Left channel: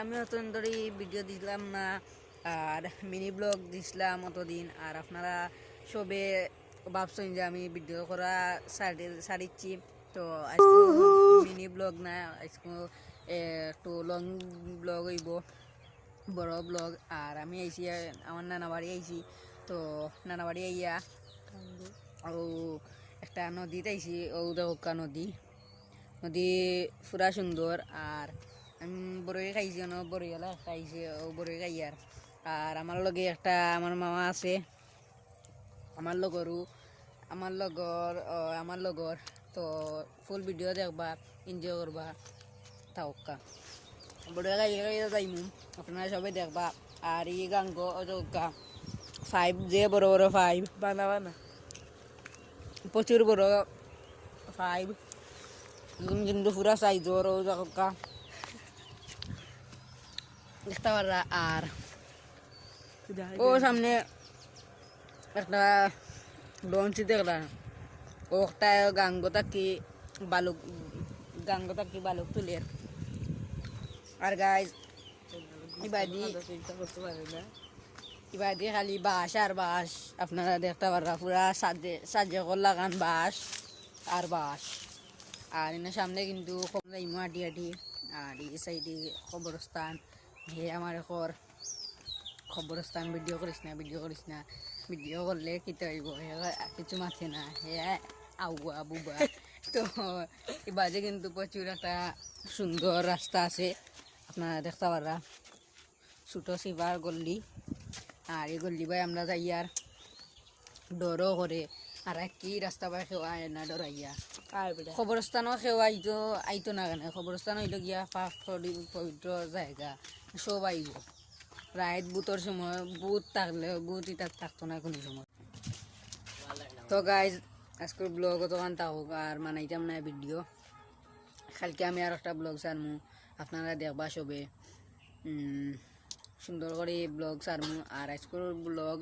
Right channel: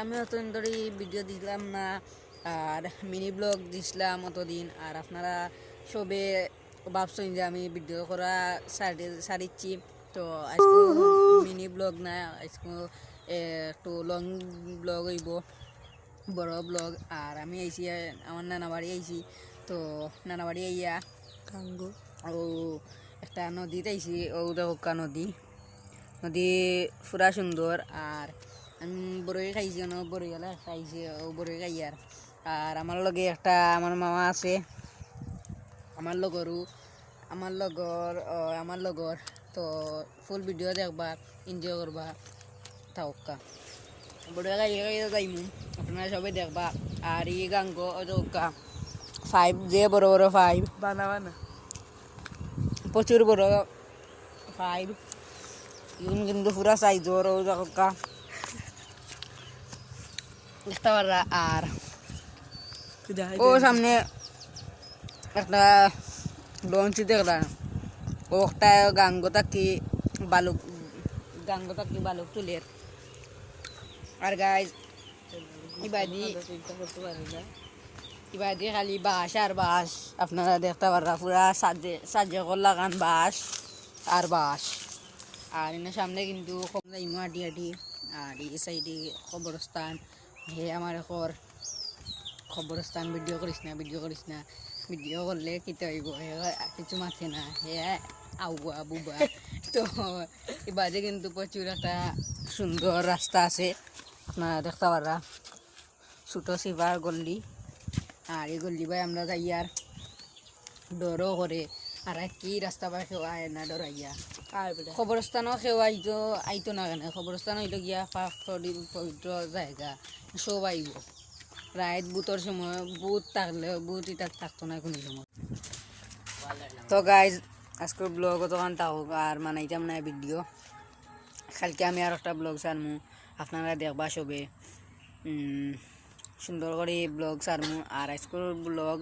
আমি অতদিন ধরে ভিডিও দিলাম না আর মিনি ব্লগ দিছিলাম অতদিন। আর আপনারা সবে ভাবছেন যে আমি ভিডিও করা সারি সারিচ্ছি তো আজকে মিনি ব্লগ না আজকে একটু লং ব্লগ হইব বড় ব্লগ আর আমি আইছি আমার নানা বাড়ি আইছি। তো নানা বাড়ি আইয়া ও একটা নদীতে আইছি ও দেখা নদী। নদী পুরা সুন্দর আর বড়ই খাইছি না বড়ই গেলে খাইছি বড়ই খাই আর। আর আমার লগে একটা আমার মামা আছে। আমার লগরও আমার লগর আমার লগর তো ফুল ভিডিও দেখবা এনজয় করবা থাকা বড়ই খাই যাইমু আপনারা সবাই দেখবা। আর এই গাঙ্গ ওকা ফাইভ যে বড় বড় ফাইভ বানা বানা। প্রচুর বড় ফাইভ কিন্তু পুরা সাইজ ওর ও জায়গা আর ও সামনে একটা লঞ্চ দেখলাম ও একটা গাঙ্গ থাকি বালুক গাঙ্গ থাকি বালুক তুলের আর গাইজ ইবাদি ইবাদি খালি বাঁশ আর বাঁশ আপনারা দেখতে পাররা পুরা সাজে সাজে লাগান বাঁশ আর বাঁশ আর এনার সামনে কিন্তু হাঁটি হাঁটি আর এই সাইডে কবরস্থান হে আমার এখন খবরস্থান ভিডিও করিস না ভিডিও করিস না। ভিডিও করলে কিতে হইব হে, কিছু মাথে না। হে আউবা বুবা তো এবারে কিন্তু প্রচুর একটা সুন্দর রাস্তা আছে। আপনারা দেখতে পারা ছোটো শিবার গল্লি। আর এই গল্লি ভাই আমরা যাই আর ডরও করে আর কি রাস্তা পাই সেওয়ায় না ডরাইয়া খবরস্থানও সেও আইতো আইতো না কেন খবরস্থান হইল গিয়া পাক পবিত্র জায়গা সব আইব রাত বুতর সময় বুত থাকলে বুত এটা থাকতো না কোনো সময়। তো গাইজ আজকের ব্লগ তখন থাকুক আর মানাইতাম না ভিডিও কালকে আমি আর একটা ব্লগ ছাড়মু আপনারা দেখবা সবে সুন্দর করে ব্লগ ছাড়মু আর আজকের ব্লগ